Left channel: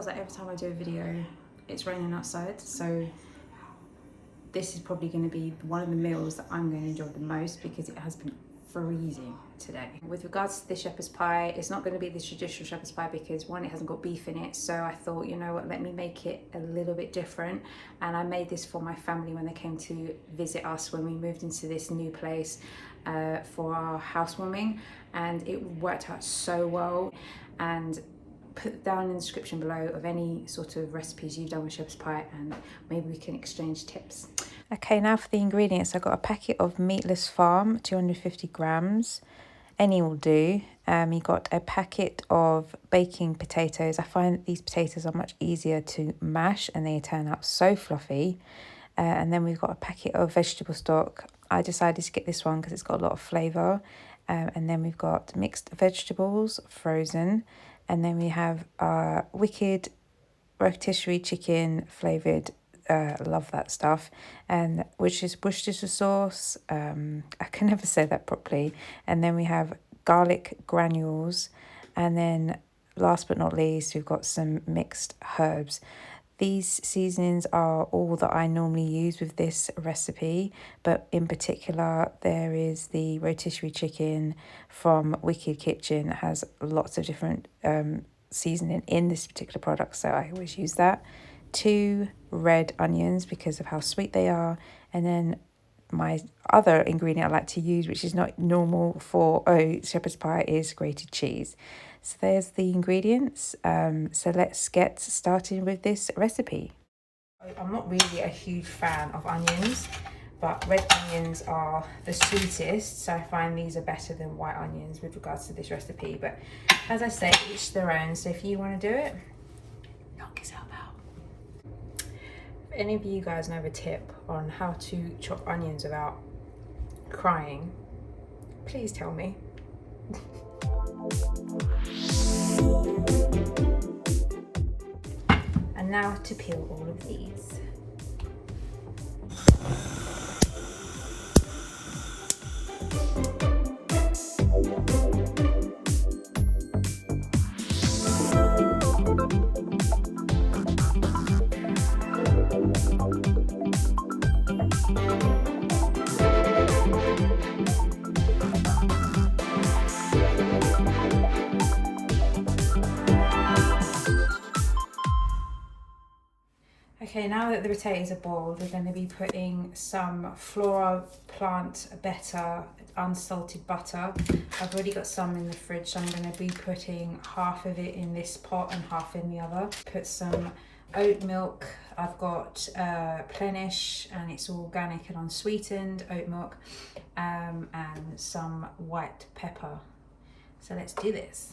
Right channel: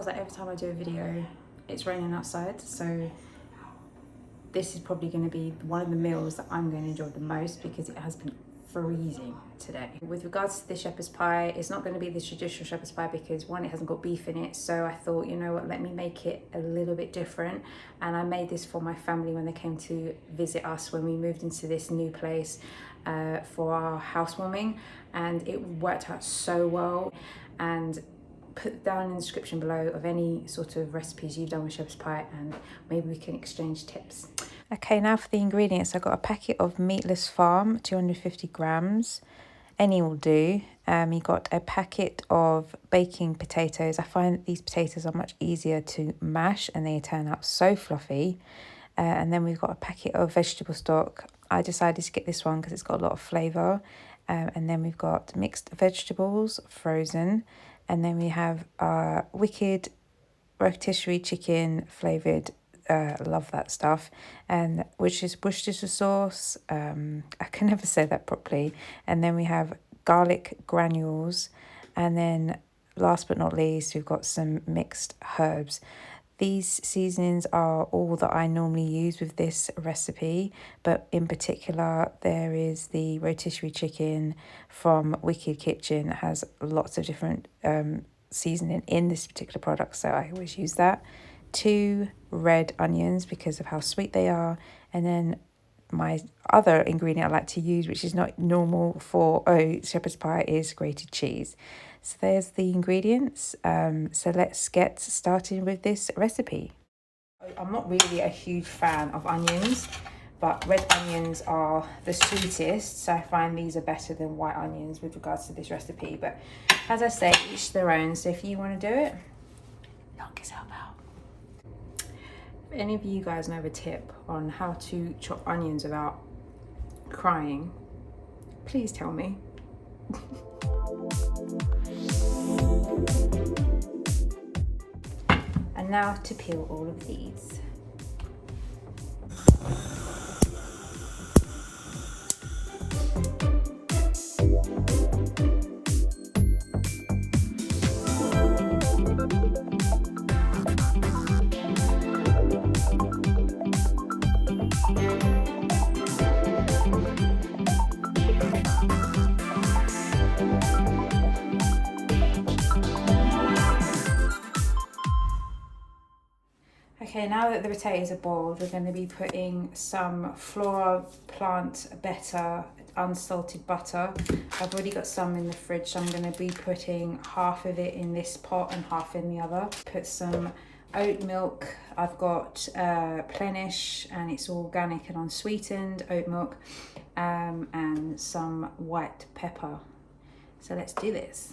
feels like every time I do a video, it's raining outside, so this is probably going to be one of the meals that I'm going to enjoy the most because it has been freezing today. With regards to the shepherd's pie, it's not going to be the traditional shepherd's pie because one, it hasn't got beef in it, so I thought, you know what, let me make it a little bit different. And I made this for my family when they came to visit us when we moved into this new place for our housewarming, and it worked out so well. And put down in the description below of any sort of recipes you've done with shepherd's pie, and maybe we can exchange tips. Okay, now for the ingredients. I got a packet of meatless farm, 250 grams. Any will do. You got a packet of baking potatoes. I find that these potatoes are much easier to mash and they turn out so fluffy. And then we've got a packet of vegetable stock. I decided to get this one because it's got a lot of flavour. And then we've got mixed vegetables, frozen. And then we have wicked rotisserie chicken flavoured. Love that stuff, and which is Worcestershire sauce. I can never say that properly. And then we have garlic granules, and then last but not least, we've got some mixed herbs. These seasonings are all that I normally use with this recipe, but in particular, there is the rotisserie chicken from Wicked Kitchen. It has lots of different seasoning in this particular product, so I always use that. 2 red onions because of how sweet they are, and then my other ingredient I like to use, which is not normal for shepherd's pie, is grated cheese. So there's the ingredients. So let's get started with this recipe. I'm not really a huge fan of onions, but red onions are the sweetest, so I find these are better than white onions with regards to this recipe. But as I say, each their own, so if you want to do it, knock yourself out. If any of you guys know a tip on how to chop onions without crying, please tell me. And now to peel all of these. Okay, now that the potatoes are boiled, we're going to be putting some Flora plant butter, unsalted butter. I've already got some in the fridge, so I'm going to be putting half of it in this pot and half in the other. Put some oat milk. I've got Plenish, and it's organic and unsweetened oat milk, and some white pepper. So let's do this.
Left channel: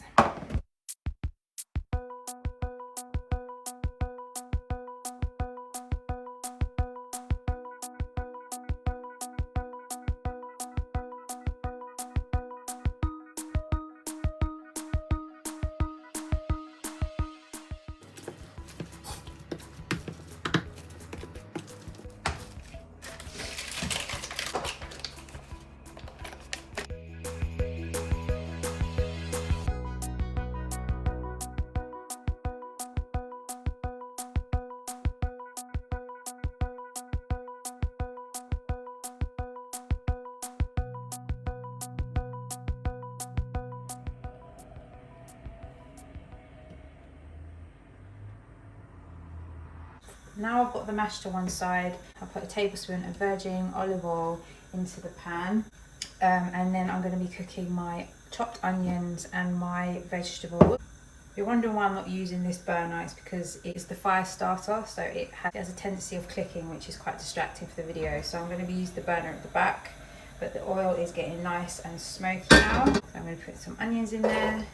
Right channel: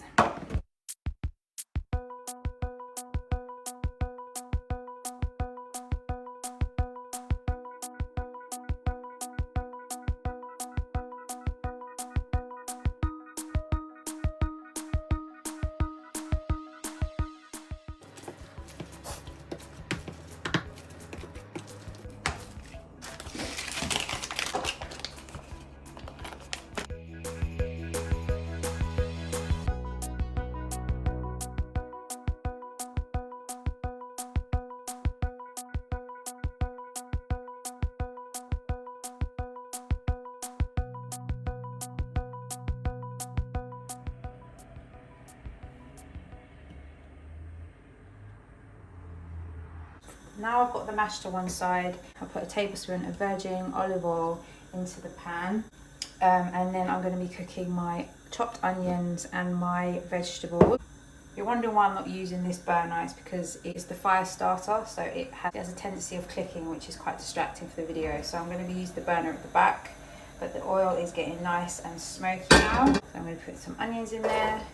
Now I've got the mash to one side. I'll put a tablespoon of virgin olive oil into the pan, and then I'm going to be cooking my chopped onions and my vegetables. You're wondering why I'm not using this burner. It's because it's the fire starter, so it has a tendency of clicking, which is quite distracting for the video. So I'm going to use the burner at the back, but the oil is getting nice and smoky now. So I'm going to put some onions in there,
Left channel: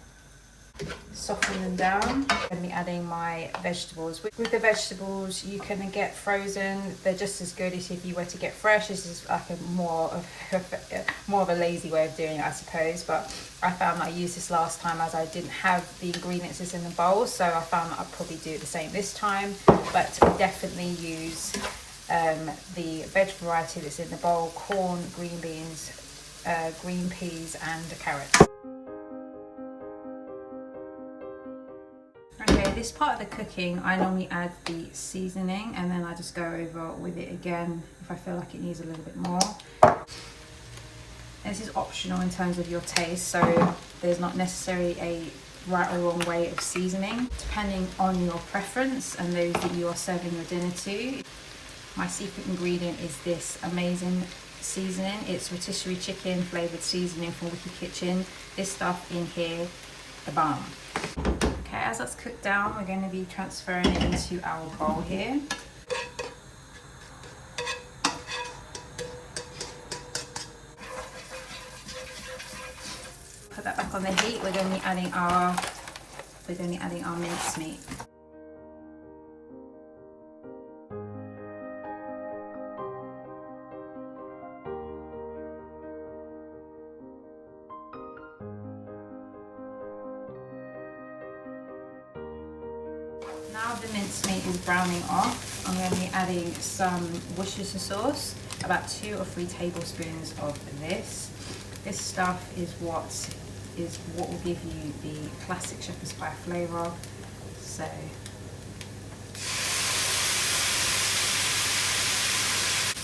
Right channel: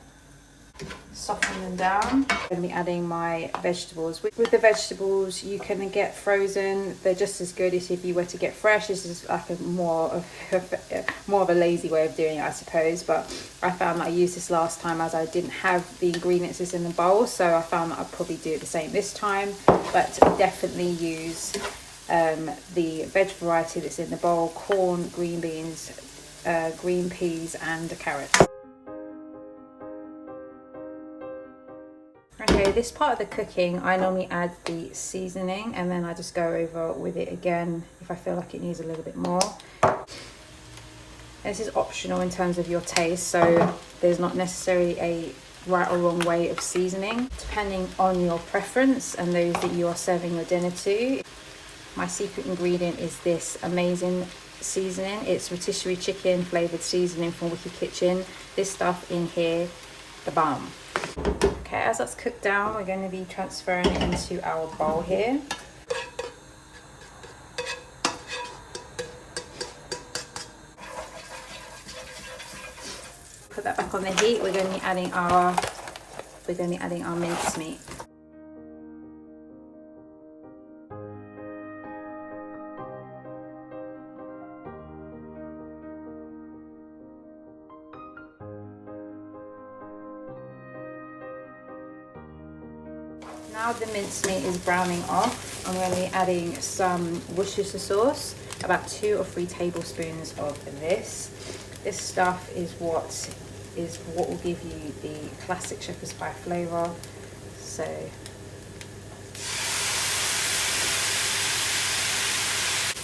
soften them down. I'm going to be adding my vegetables. With the vegetables, you can get frozen. They're just as good as if you were to get fresh. This is like a more of a lazy way of doing it, I suppose, but I found that I used this last time as I didn't have the ingredients in the bowl, so I found that I'd probably do it the same this time. But definitely use the veg variety that's in the bowl: corn, green beans, green peas and carrots. Okay, this part of the cooking, I normally add the seasoning and then I just go over with it again if I feel like it needs a little bit more. This is optional in terms of your taste, so there's not necessarily a right or wrong way of seasoning, depending on your preference and those that you are serving your dinner to. My secret ingredient is this amazing seasoning. It's rotisserie chicken flavoured seasoning from Wicked Kitchen. This stuff in here, the bomb. Okay, as that's cooked down, we're going to be transferring it into our bowl here. Put that back on the heat. We're going to be adding our mince meat. Now the mincemeat is browning off, I'm going to be adding some Worcestershire sauce, about 2 or 3 tablespoons of this. This stuff is what will give you the classic shepherd's pie flavour. So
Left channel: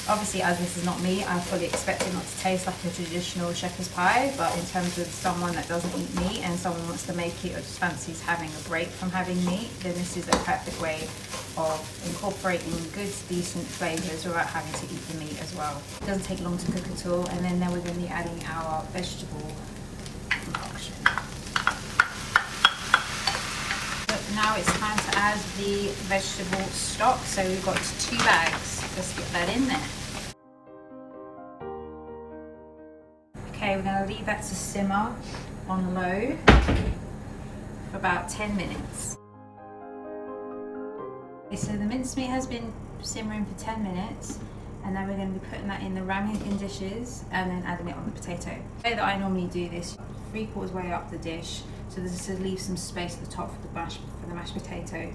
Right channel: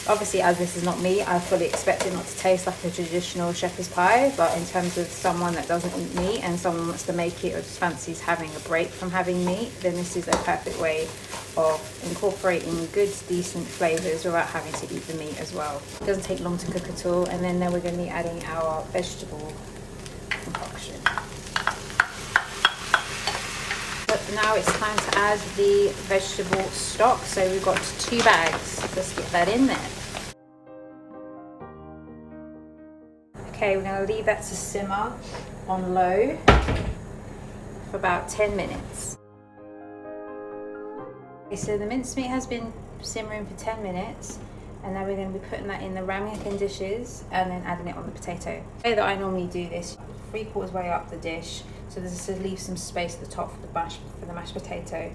obviously, as this is not me, I fully expect it not to taste like a traditional shepherd's pie, but in terms of someone that doesn't eat meat and someone wants to make it or just fancies having a break from having meat, then this is a perfect way of incorporating good, decent flavours without having to eat the meat as well. It doesn't take long to cook at all, and then we're going to be adding our vegetable concoction. But now it's time to add the vegetable stock. So we've got 2 bags. Let's get that in there. Okay, we're going to leave that to simmer on low for about 10 minutes. Okay, so the mincemeat has been simmering for 10 minutes, and now we're going to be putting that in the ramekin dishes and then adding it on the potato. The way that I normally do this, 3/4 way up the dish, so this is to leave some space at the top for the mashed potato.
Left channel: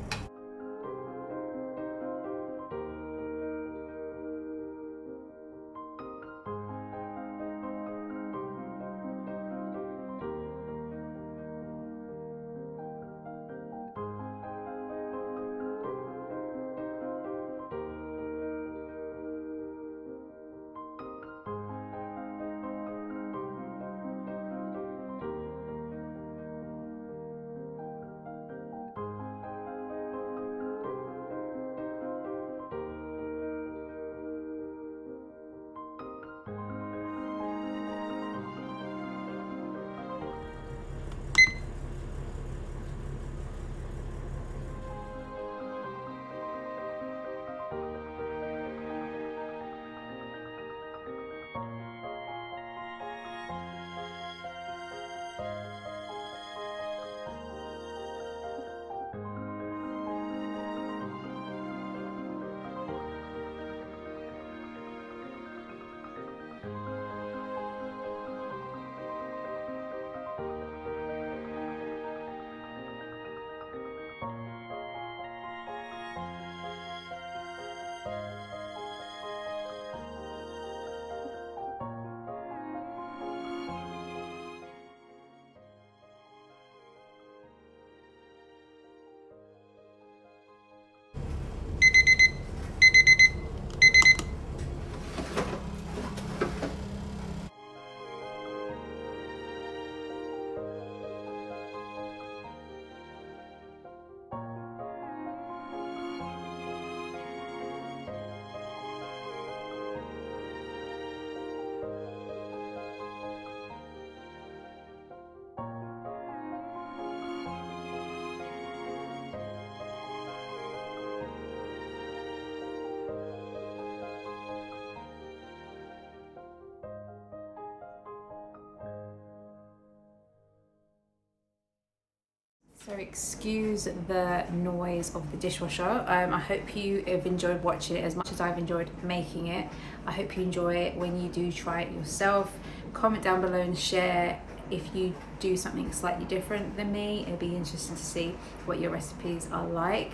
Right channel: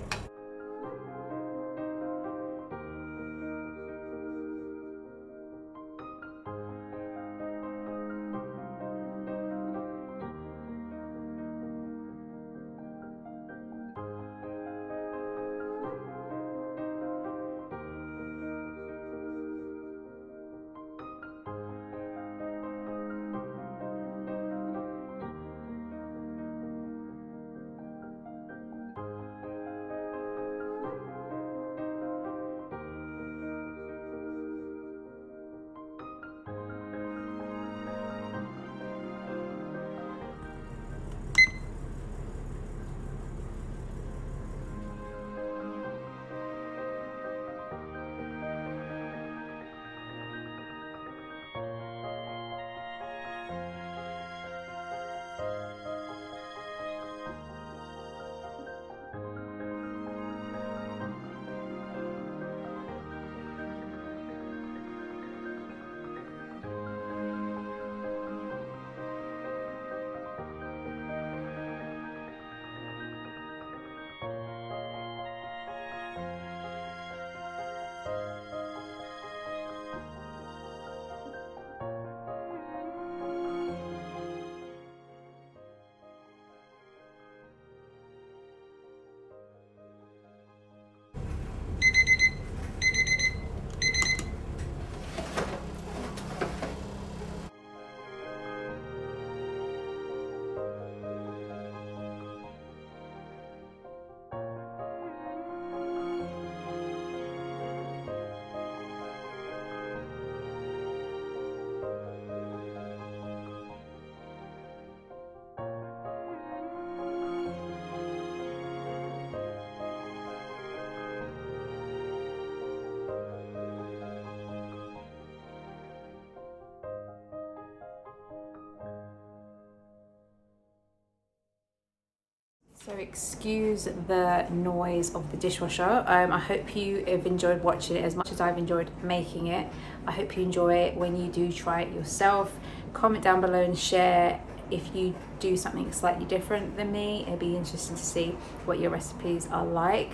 So excuse the noise of the dishwasher. I hope you have enjoyed watching it as much as I've enjoyed making it. I hope you enjoy it when you do try it yourself. Comment down below and share if you do something slightly different than me. It'd be interesting to see what your recipes are like.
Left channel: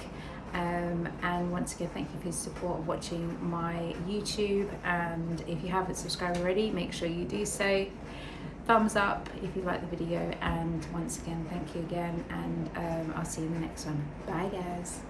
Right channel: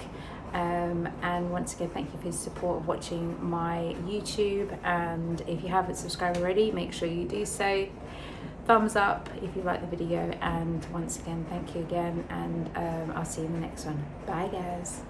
And once again, thank you for your support of watching my YouTube. And if you haven't subscribed already, make sure you do so. thumbs up if you like the video, and once again, thank you again, and I'll see you in the next one. Bye guys.